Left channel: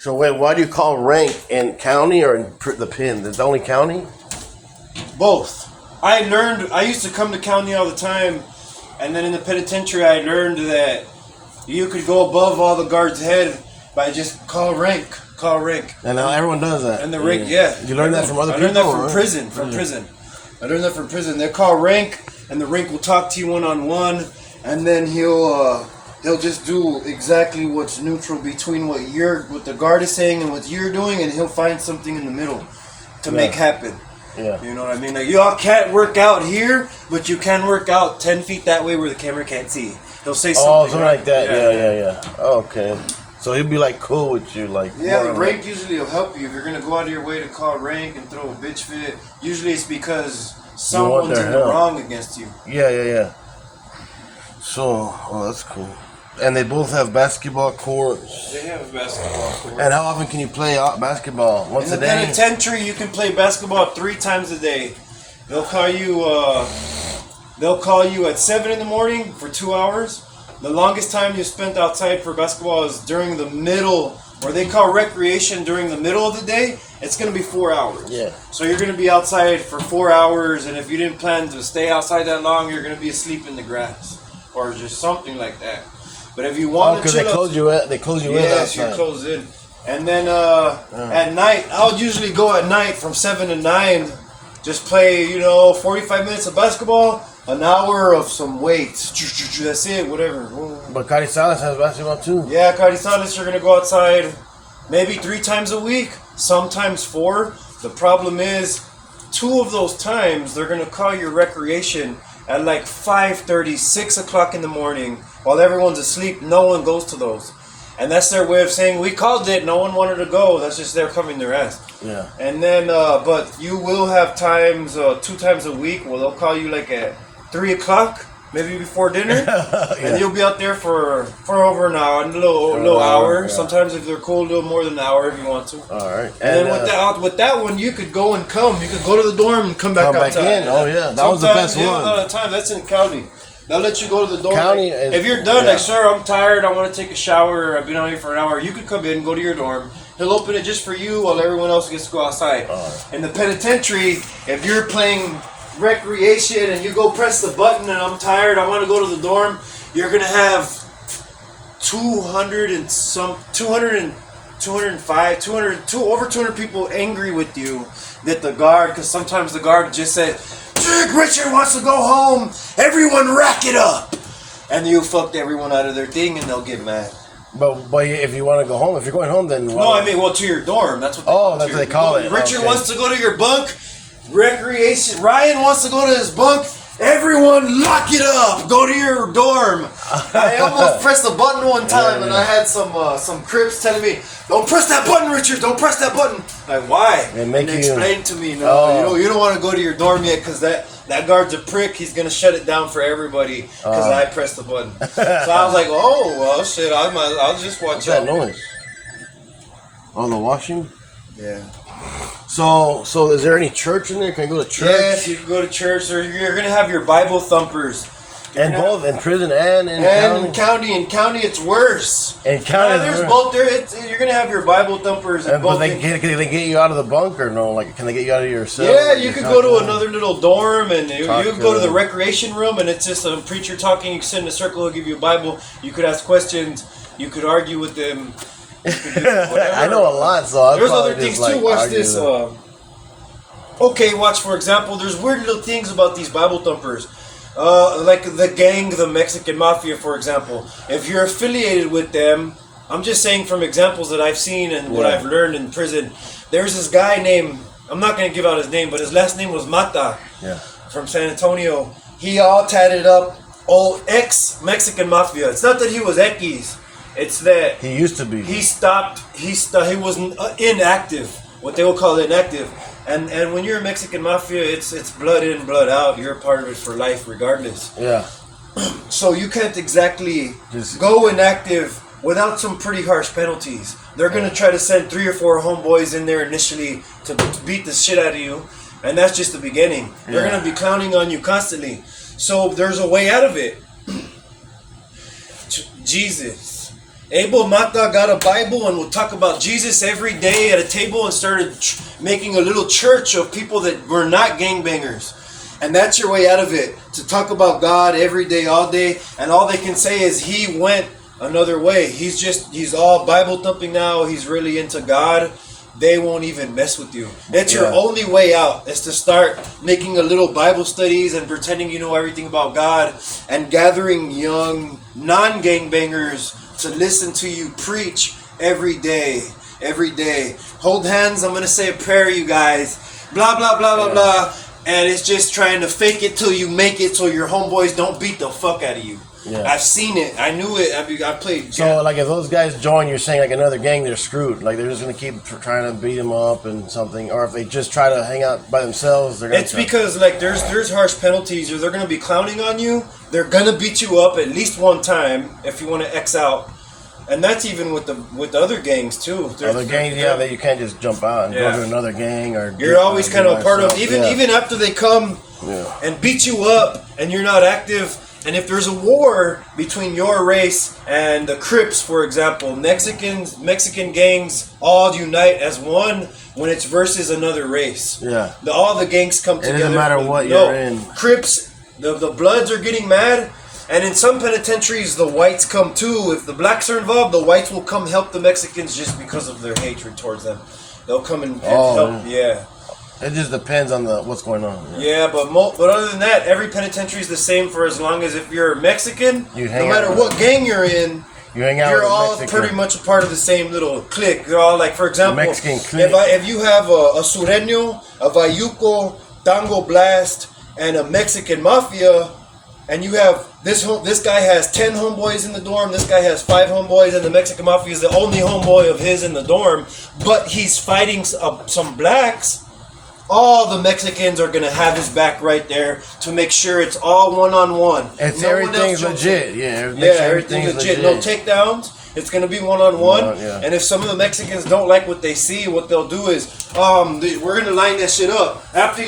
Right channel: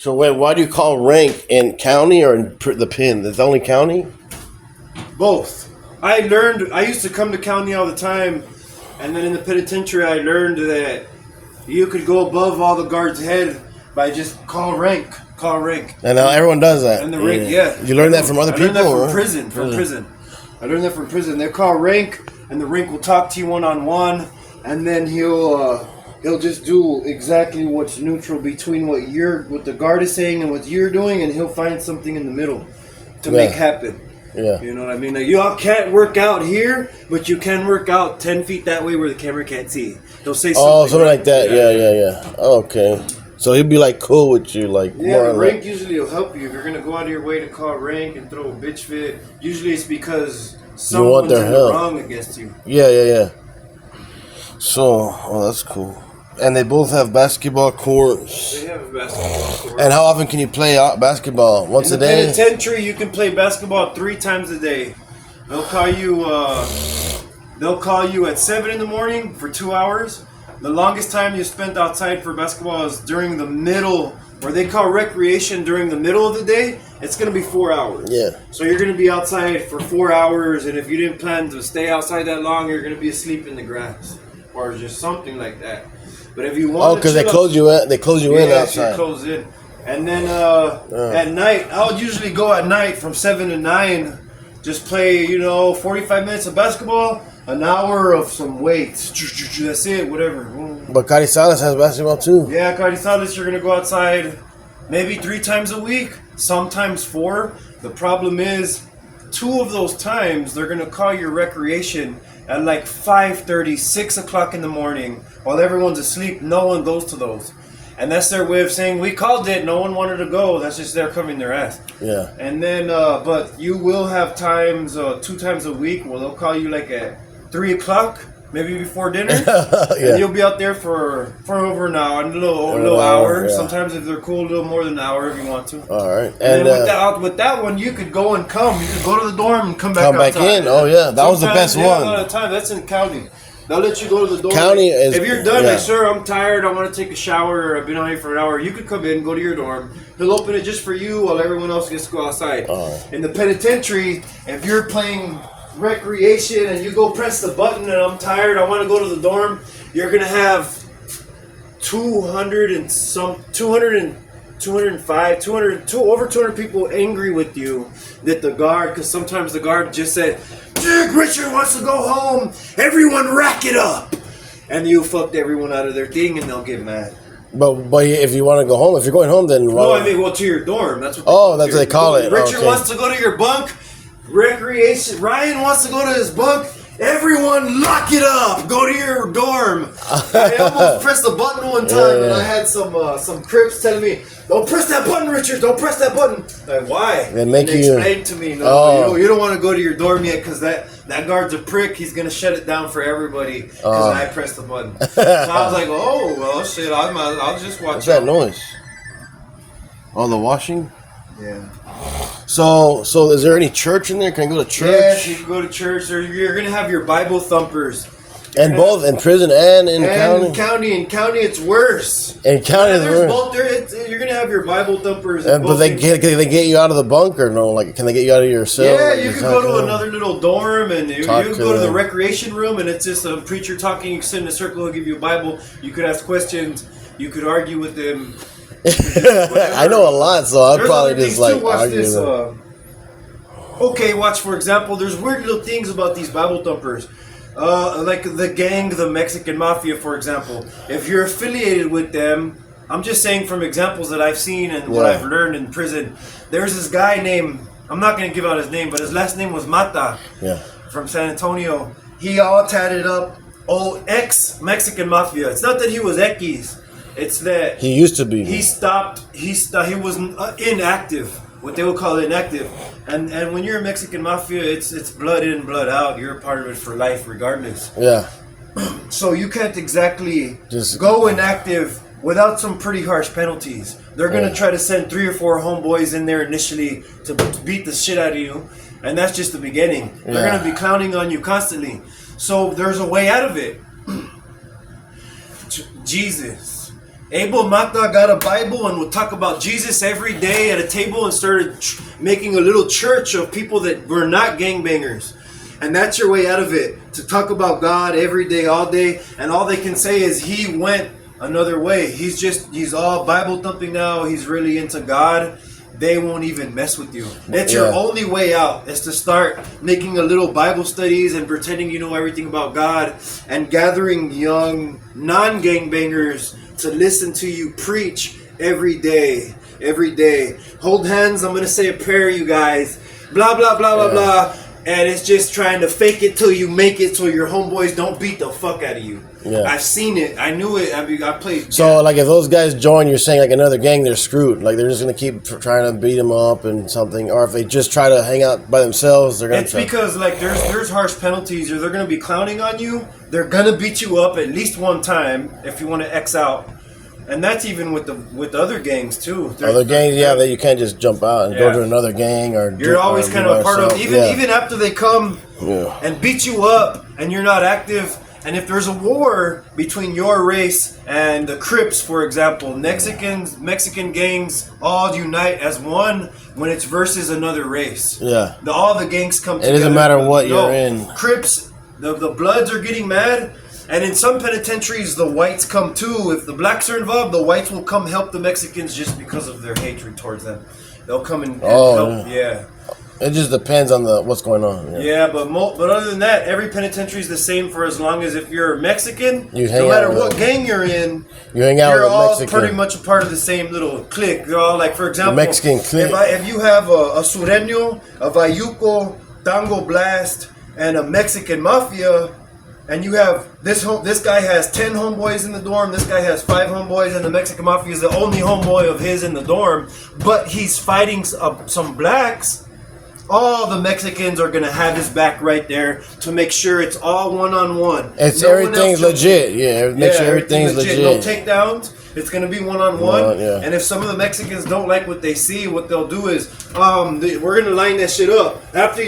So wait, why do you call rank in county or in the pin? It's only county? Both. I used to come to county all the time, and then in the penitentiary I learned that you could go above all the guards' head by just call rank. And now everyone does that. And the rank, yeah. You learned that from other people? I learned that from prison. I learned that from prison. They call rank, and the rank will talk to you one-on-one, and then he'll just do exactly what's neutral between what the guard is saying and what you're doing, and he'll find something in the middle to make happen. Yeah. You know what I mean? Like, you all can't work out here, but you can work out 10 feet that way where the camera can't see. He'll say something. Oh, something like that. Yeah. Okay. So he'll be like cool with you, like. Yeah, the rank usually will help you. If you're gonna go out of your way to call rank and throw a bitch fit, usually it's because someone's in the wrong against you. Yeah. So, that's cool. And they both have basketball courts. They have a basketball court. And how often can you play basketball? Once a day? In the penitentiary, you can play basketball 3 times a day. They'll call you. They'll call you at 7 in the morning for 2 hours. The longest time you spent outside for basketball is during the middle, where they call recreation during the middle of the day. It's going to be 4 hours. Yeah. So you're going to be outside for 4 hours, and if you didn't plan to stay outside that long, you're going to be asleep in the grass, or just something like that. But if you want, because they close you in. They close you in outside. Yeah, close in. And then at night, I'll usually go at night from 7 to 9, just play 45 minutes of basketball. An hour of some weights. That's it, whatever. But Carizales has basketball too. Yeah, Carizales, you're going to go outside maybe 3 times a week, sometimes 4. The problem is, 2 of those times, they're going to call your recreation at like 5:30, 6 o'clock in the morning. While everyone's asleep, no one goes to those. And that's their way of saying, we called it, no one wanted to go. That's just they're covering their ass. Yeah. And then, but you will have times, 2 times a week, where they'll call you like at 3 o'clock, maybe before dinner, and you'll be out there for over an hour, a little hour. Yeah. Sometimes if they're cool, a little more than an hour if you want to. All right. And then with that one, you could go and come. You could go to the dorm and come back outside. Back in. Oh yeah, that was the best one. A lot of the time, that's in county. They'll let you go to the dorm. County is. If you're done, like, sir, I'm tired. I want to take a shower. I've been out here for an hour. You could come in, go to your dorm. He'll open it just for you while everyone else gets to go outside. In the penitentiary, if you're playing recreation and you go press the button and I'm tired, I want to go to the dorm, you're gonna have 205, 200, over 200 people angry with you that the guard, because sometimes the guard just said, Richard wants to go home, everyone rack it up, and you fucked everyone out of their thing and they'll get mad. But if you want to go home, if you're going home, then no, I mean, well, to your dorm. That's what. That's what they call it. Richard wants to go to your bunk. Recreation. Ryan wants to go to his bunk. Everyone, lock it up. Go to your dorm. I almost pressed the button one time, and I had some Crips telling me, "Don't press that button, Richard. Don't press that button." Like, why? They explained to me, you don't want to go to your dorm yet because that guard's a prick. He's gonna shut it down for everybody because I pressed the button. So I was like, "Oh well, shit. I'll just watch out." What's that noise? Oh, the washing. Yeah. So is there any church in there? Can I go to church? Yes, you can go to church, or you're gonna have your Bible thumpers. And both in prison and in county. In county, it's worse. In county, there's both. You're gonna have your Bible thumpers. But can they get you out of the bunk or no? Like, can they get you out of your cell? Yeah, you can go to another little dorm, and you can go to the recreation room, and it's just a preacher talking. You sit in a circle, he'll give you a Bible. You could ask questions. You could argue with them. I know a lot, so I'd probably just like watch this. Okay, watch, for example, there's weird little things about these Bible thumpers. Like the gang, the Mexican Mafia, for example. If you're affiliated with them, I'm just saying from examples that I've seen and what I've learned in prison. There's this guy named, I'm not going to give out his name, but his last name was Mata. Yeah. From San Antonio. He all tatted up, ex-Mexican Mafia. It's not that he was X. It's that he used to be. He stopped. He was inactive. What they would call inactive. And when you're a Mexican Mafia, it's blood in, blood out. You're a part of it for life, regardless. Yeah. So you can't exactly just go inactive without some pretty harsh penalties. They're gonna try to send 3 or 4 homeboys in there initially to beat the shit out of you, and that's just the beginning. They're gonna be clowning on you constantly. So there's a way out of it. Jesus. Abel Mata got a Bible and would talk about Jesus every day at a table and started making a little church of people that were not gangbangers. And that's your way out of it. To talk about God every day, all day. And all they can say is he went another way. He's all Bible thumping now. He's really into God. They won't even mess with you. It's your only way out is to start making a little Bible studies and pretending you know everything about God and gathering young non-gangbangers to listen to you preach every day. Every day. Hold hands. I'm going to say a prayer, you guys. Blah, blah, blah, blah, blah. And it's just trying to fake it till you make it so your homeboys don't beat the fuck out of you. Yeah. I've seen it. I knew it. I played. So, like, if those guys join, you're saying, like, another gang, they're screwed. Like, they're just going to keep trying to beat them up and something. Or if they just try to hang out by themselves, they're going to... It's because, like, there's harsh penalties. Or they're going to be clowning on you. They're going to beat you up at least one time if you want to X out. And that's even with the other gangs, too. Other gangs, that you can't just jump out and go to another gang. Or you're always kind of a part of... Even after they come and beat you up and you're not active... And if there's a war between your race and the Crips, for example, Mexican gangs all unite as one when it's versus another race. Yeah. All the gangs come together. It doesn't matter what you're in. Crips, the Bloods are getting mad. And in some penitentiaries, the whites come too. If the blacks are involved, the whites will come help the Mexicans just because of their hatred towards them. They'll come and help. Yeah. It just depends on what's going on. Yeah, but other than that, every penitentiary is the same for as long as if you're Mexican, no matter what gang you're in, you're all pretty much a part of the same little clique. They're all like, for example, Mexican clique. If you have a Sureño, a Vayuco, Tango Blast, and a Mexican Mafia, and you have this guy has 10 homeboys in the dorm, this guy has 5 homeboys, and the Mexican Mafia is the only homeboy of his in the dorm, but he's fighting some blacks. All the Mexicans are going to have his back right there to make sure it's all one-on-one. Everything's legit. Make sure everything's legit. No takedowns. It's going to be one-on-one. And if some of the Mexicans don't like what they see, what they'll do is, we're going to line that shit up. After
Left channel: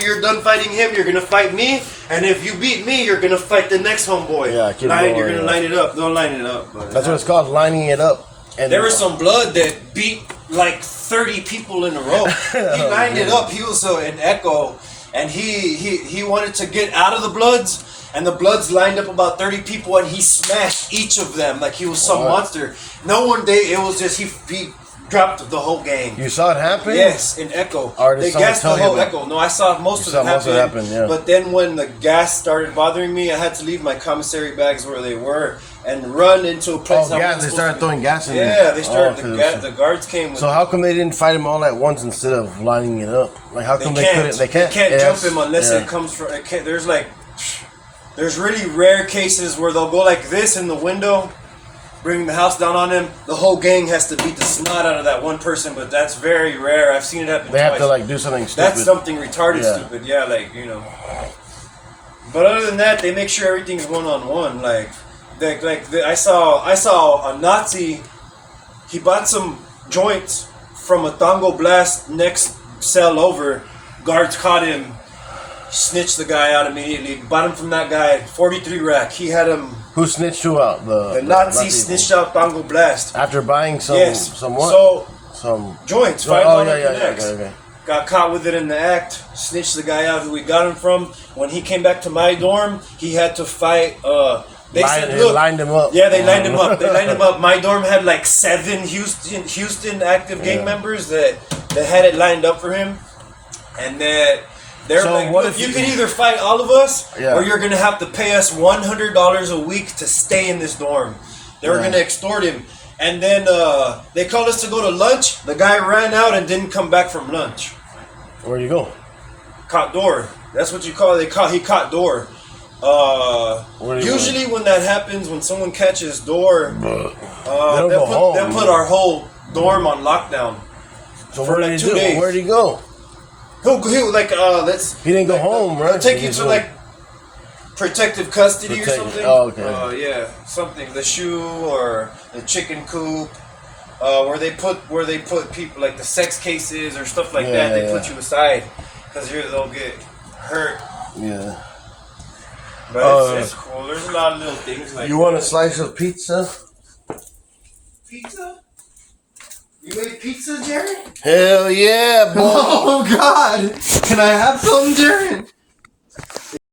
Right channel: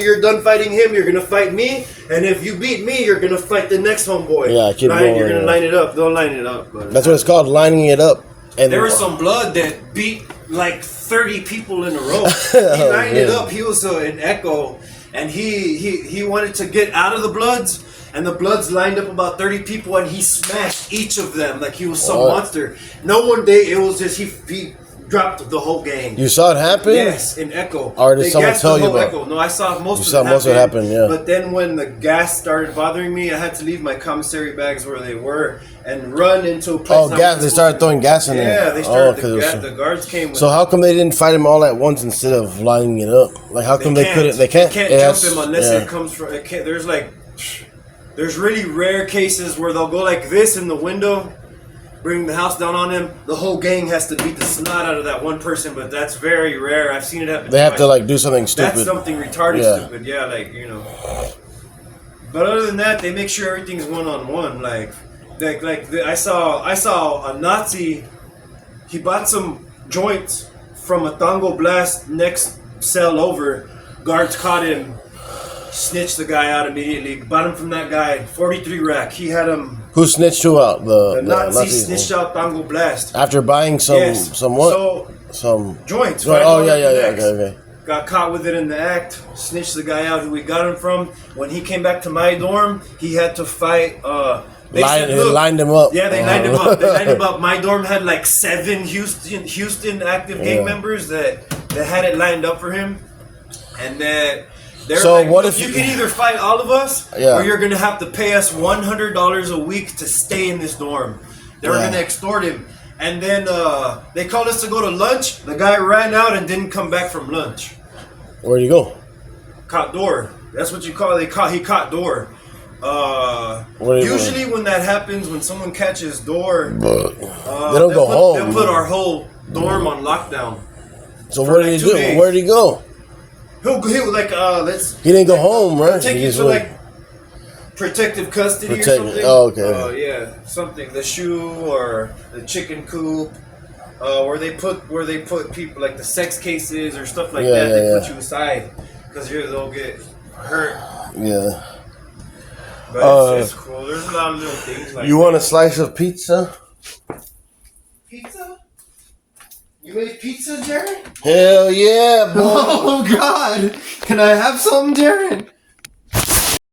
you're done fighting him, you're going to fight me. And if you beat me, you're going to fight the next homeboy. Yeah, keep going. You're going to line it up. They'll line it up. That's what it's called, lining it up. And there was some blood that beat like 30 people in a row. He lined it up. He was in Echo, and he wanted to get out of the Bloods, and the Bloods lined up about 30 people, and he smashed each of them like he was some monster. It was just he dropped the whole gang. You saw it happen? Yes, in Echo. Or did someone tell you about Echo. No, I saw most of it happen. But then when the gas started bothering me, I had to leave my commissary bags where they were and run into a place. Oh, gas! They started throwing gas in there. Yeah, they started. The guards came. So how come they didn't fight him all at once instead of lining it up? Like how come they couldn't? They can't jump him unless it comes from. There's really rare cases where they'll go like this in the window, bring the house down on him. The whole gang has to beat the snot out of that one person, but that's very rare. I've seen it happen. They have to like do something stupid. That's something retarded, stupid. Yeah, But other than that, they make sure everything's one-on-one. I saw a Nazi. He bought some joints from a Tango Blast next cell over. Guards caught him, snitched the guy out immediately. Bought him from that guy, 43 rack. He had him. Who snitched who out? The Nazi snitched out Tango Blast after buying some what? Some joints. Okay. Got caught with it in the act. Snitched the guy out who we got him from. When he came back to my dorm, he had to fight. They lined him up. Yeah, they lined him up. They lined him up. My dorm had like 7 Houston active gang members that had it lined up for him, and that they're you can either fight all of us, or you're gonna have to pay us $100 a week to stay in this dorm. They were gonna extort him, and then they called us to go to lunch. The guy ran out and didn't come back from lunch. Where'd you go? Caught door. That's what you call it. He caught door. Usually when that happens, when someone catches door, they don't go home. They'll put our whole dorm on lockdown. So what did he do? Where did he go? He didn't go home, right? Take you to like protective custody or something. Oh, okay. Something. The shoe or the chicken coop, where they put people like the sex cases or stuff like that. They put you aside because they'll get hurt. Yeah. But it's cool. There's a lot of little things like you want a slice of pizza? made pizza, Jared? Hell yeah, boy. Oh God! Can I have something, Jared?